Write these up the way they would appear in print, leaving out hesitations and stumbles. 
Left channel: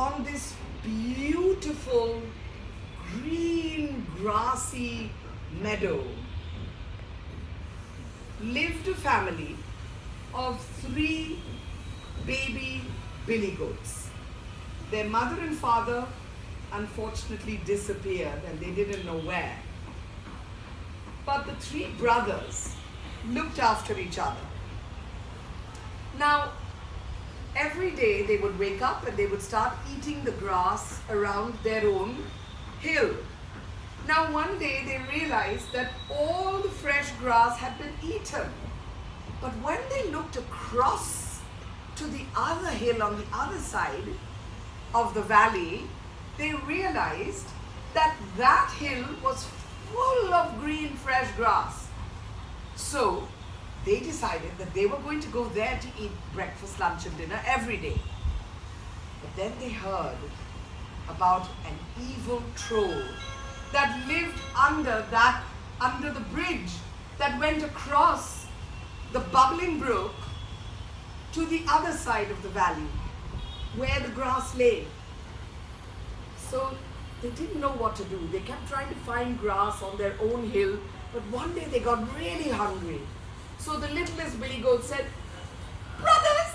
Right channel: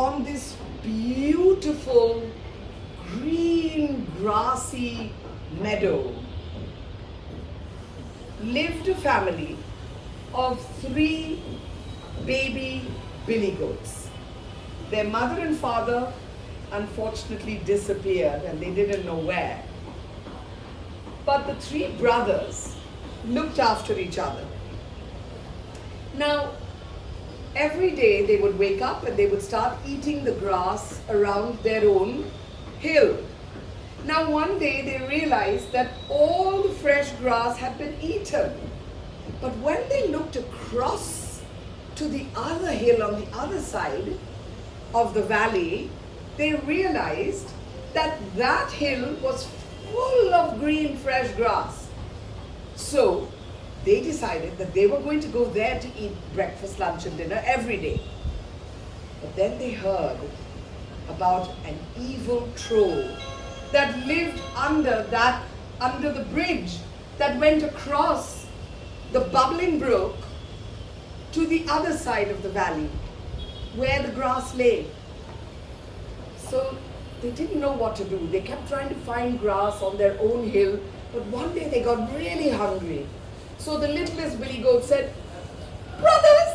on this beautiful green grassy meadow lived a family of 3 baby billy goats. Their mother and father unfortunately disappeared and they didn't know where. But the 3 brothers looked after each other. Now, every day they would wake up and they would start eating the grass around their own hill. Now, one day they realized that all the fresh grass had been eaten. But when they looked across to the other hill on the other side of the valley, they realized that that hill was full of green fresh grass. So they decided that they were going to go there to eat breakfast, lunch and dinner every day. But then they heard about an evil troll that lived under the bridge that went across the bubbling brook to the other side of the valley where the grass lay. So they didn't know what to do. They kept trying to find grass on their own hill, but one day they got really hungry. So the littlest billy goat said, "Brothers,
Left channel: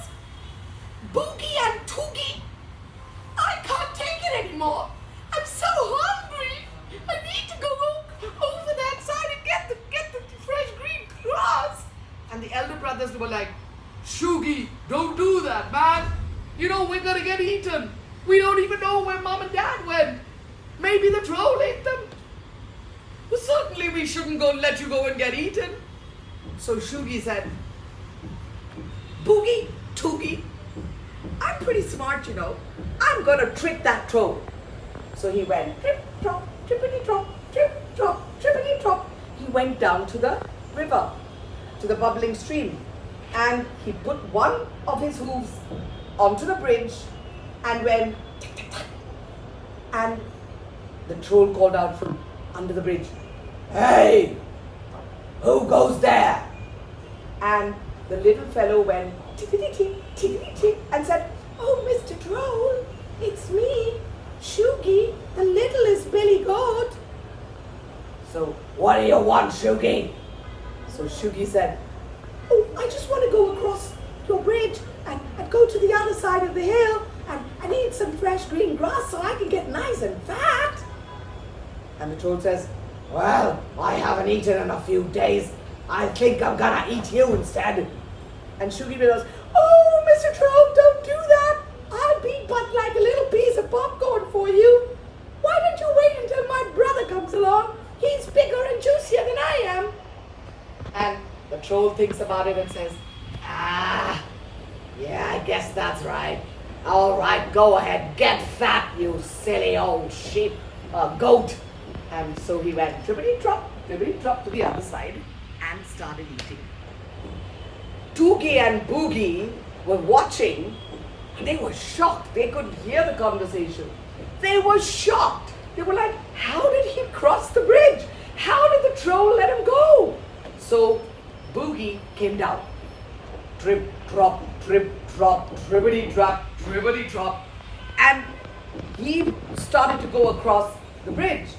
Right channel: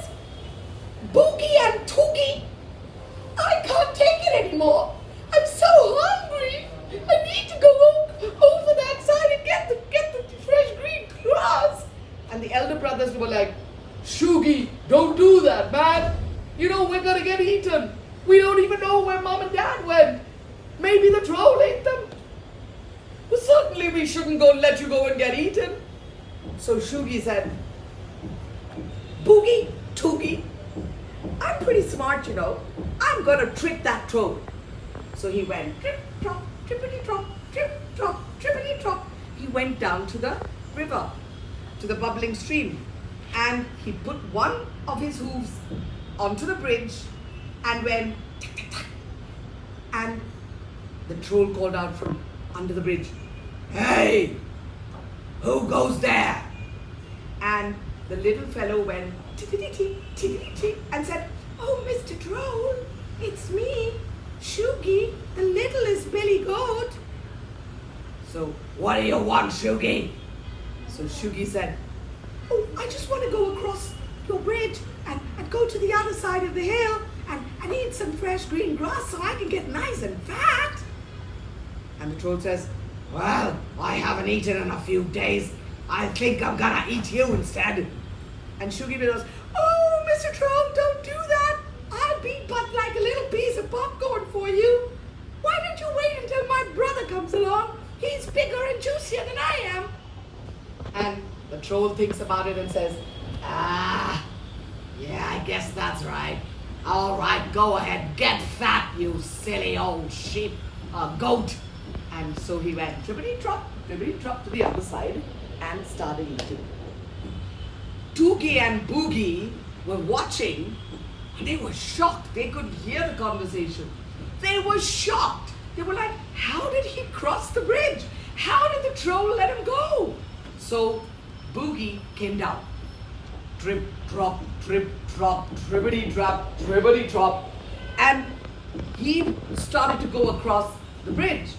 Boogie and Toogie, I can't take it anymore. I'm so hungry. I need to go over that side and get the fresh green grass." And the elder brothers were like, "Shoogie, don't do that, man. You know we're gonna get eaten. We don't even know where mom and dad went. Maybe the troll ate them. Well, certainly we shouldn't let you go and get eaten." So Shoogie said, "Boogie, Toogie, I'm pretty smart, you know. I'm gonna trick that troll." So he went trip, trop, trippity trop, trip, trop, trippity trop. He went down to the river, to the bubbling stream, and he put one of his hooves onto the bridge and went tick, tick, tick. And the troll called out from under the bridge, "Hey, who goes there?" And the little fellow went tickety tick and said, "Oh, Mr. Troll, it's me, Shoogie, the littlest billy goat." So, "What do you want, Shoogie?" So Shoogie said, "Oh, I just want to go across your bridge and go to the other side of the hill and eat some fresh green grass so I can get nice and fat." And the troll says, "Well, I haven't eaten in a few days. I think I'm gonna eat you instead." And Shoogie goes, "Oh, Mr. Troll, don't do that. I'll be but like a little piece of popcorn for you. Why don't you wait until my brother comes along? He's bigger and juicier than I am." And the troll thinks about it and says, "Yeah, I guess that's right. All right, go ahead, get fat, you silly old goat." And so he went trippity trop to the other side and started eating. Toogie and Boogie were watching and they were shocked. They could hear the conversation. They were shocked. They were like, "How did he cross the bridge? How did the troll let him go?" So Boogie came down. Trip, drop, trippity drop. And he started to go across the bridge.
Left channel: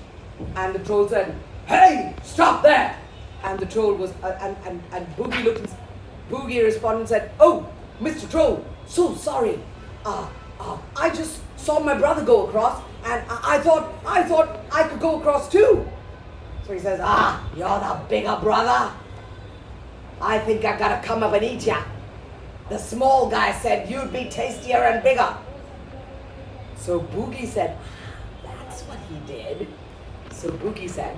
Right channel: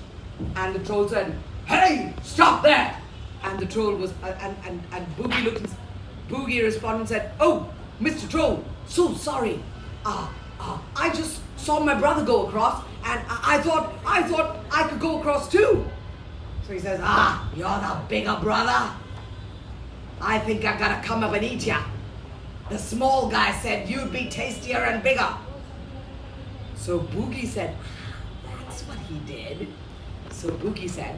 And the troll said, "Hey, stop there!" And the troll was, and Boogie looked, and Boogie responded and said, "Oh, Mr. Troll, so sorry. I just saw my brother go across, and I thought I could go across too." So he says, "You're the bigger brother. I think I gotta come up and eat ya. The small guy said you'd be tastier and bigger." So Boogie said, "That's what he did." So Boogie said,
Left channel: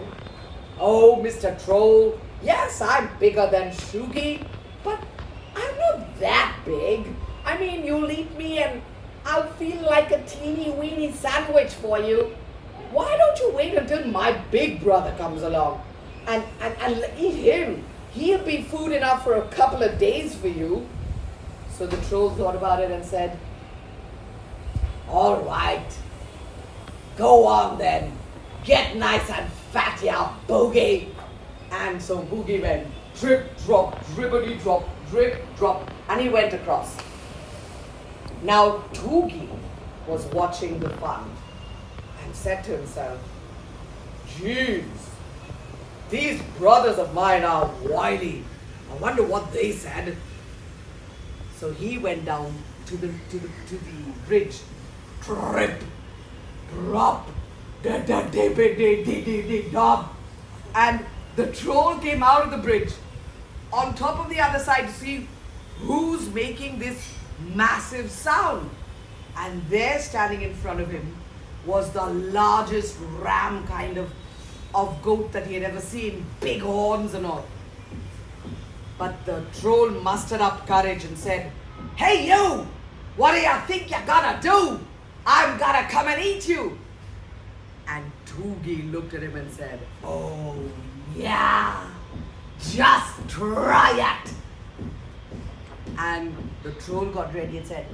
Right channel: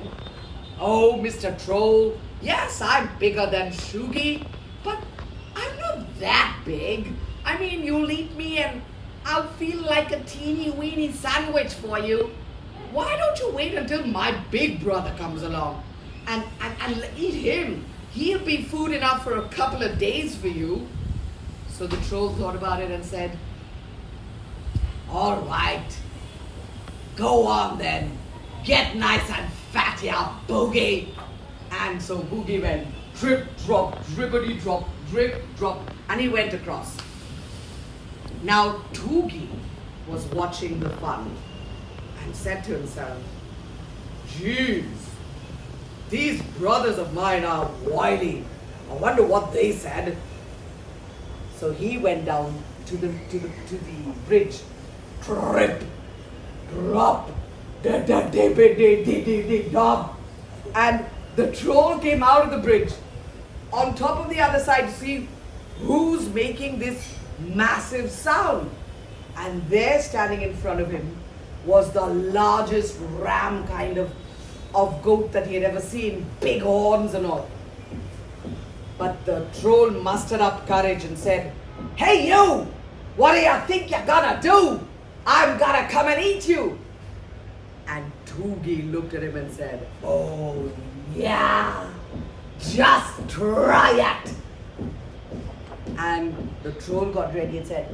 "Oh, Mr. Troll, yes, I'm bigger than Shoogie, but I'm not that big. I mean, you'll eat me and I'll feel like a teeny weeny sandwich for you. Why don't you wait until my big brother comes along and eat him? He'll be food enough for a couple of days for you." So the troll thought about it and said, "All right, go on then. Get nice and fat, ya Boogie." And so Boogie went drip, drop, drippity drop, drip, drop, and he went across. Now Toogie was watching the fun and said to himself, "Geez, these brothers of mine are wily. I wonder what they said." So he went down to the bridge. Trip, drop, da da da da da. And the troll came out of the bridge on top of the other side to see who's making this massive sound. And there, standing in front of him, was the largest ram kind of goat that he had ever seen, big horns and all. But the troll mustered up courage and said, "Hey you, what do you think you're gonna do? I'm gonna come and eat you." And Toogie looked at him and said, "Oh yeah, just try it." And the troll got ready and said,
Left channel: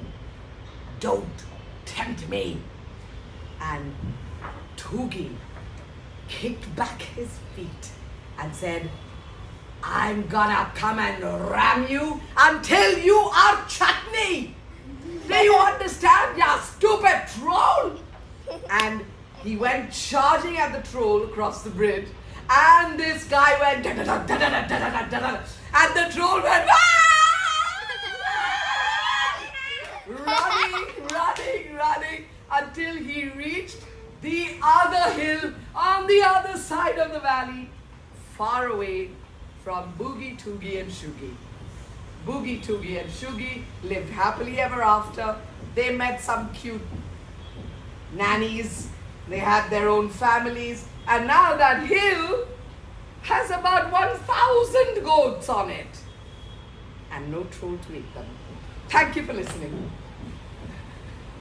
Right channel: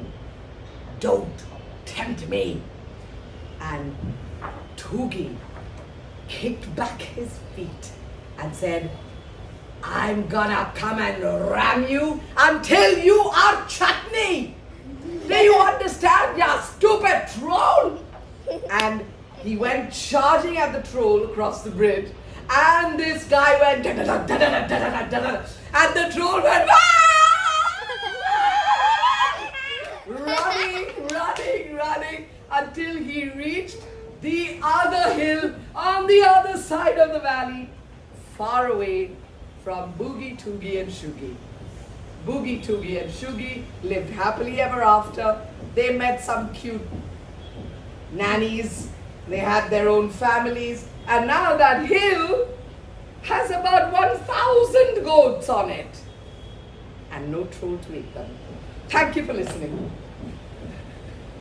"Don't tempt me." And Toogie kicked back his feet and said, "I'm gonna come and ram you until you are chutney. Do you understand, you stupid troll?" And he went charging at the troll across the bridge, and this guy went da-da-da-da-da-da-da-da-da, and the troll went running until he reached the other hill on the other side of the valley, far away from Boogie, Toogie and Shoogie. Boogie, Toogie and Shoogie lived happily ever after. They met some cute nannies. They had their own families. And now that hill has about 1,000 goats on it. And no troll to eat them. Thank you for listening.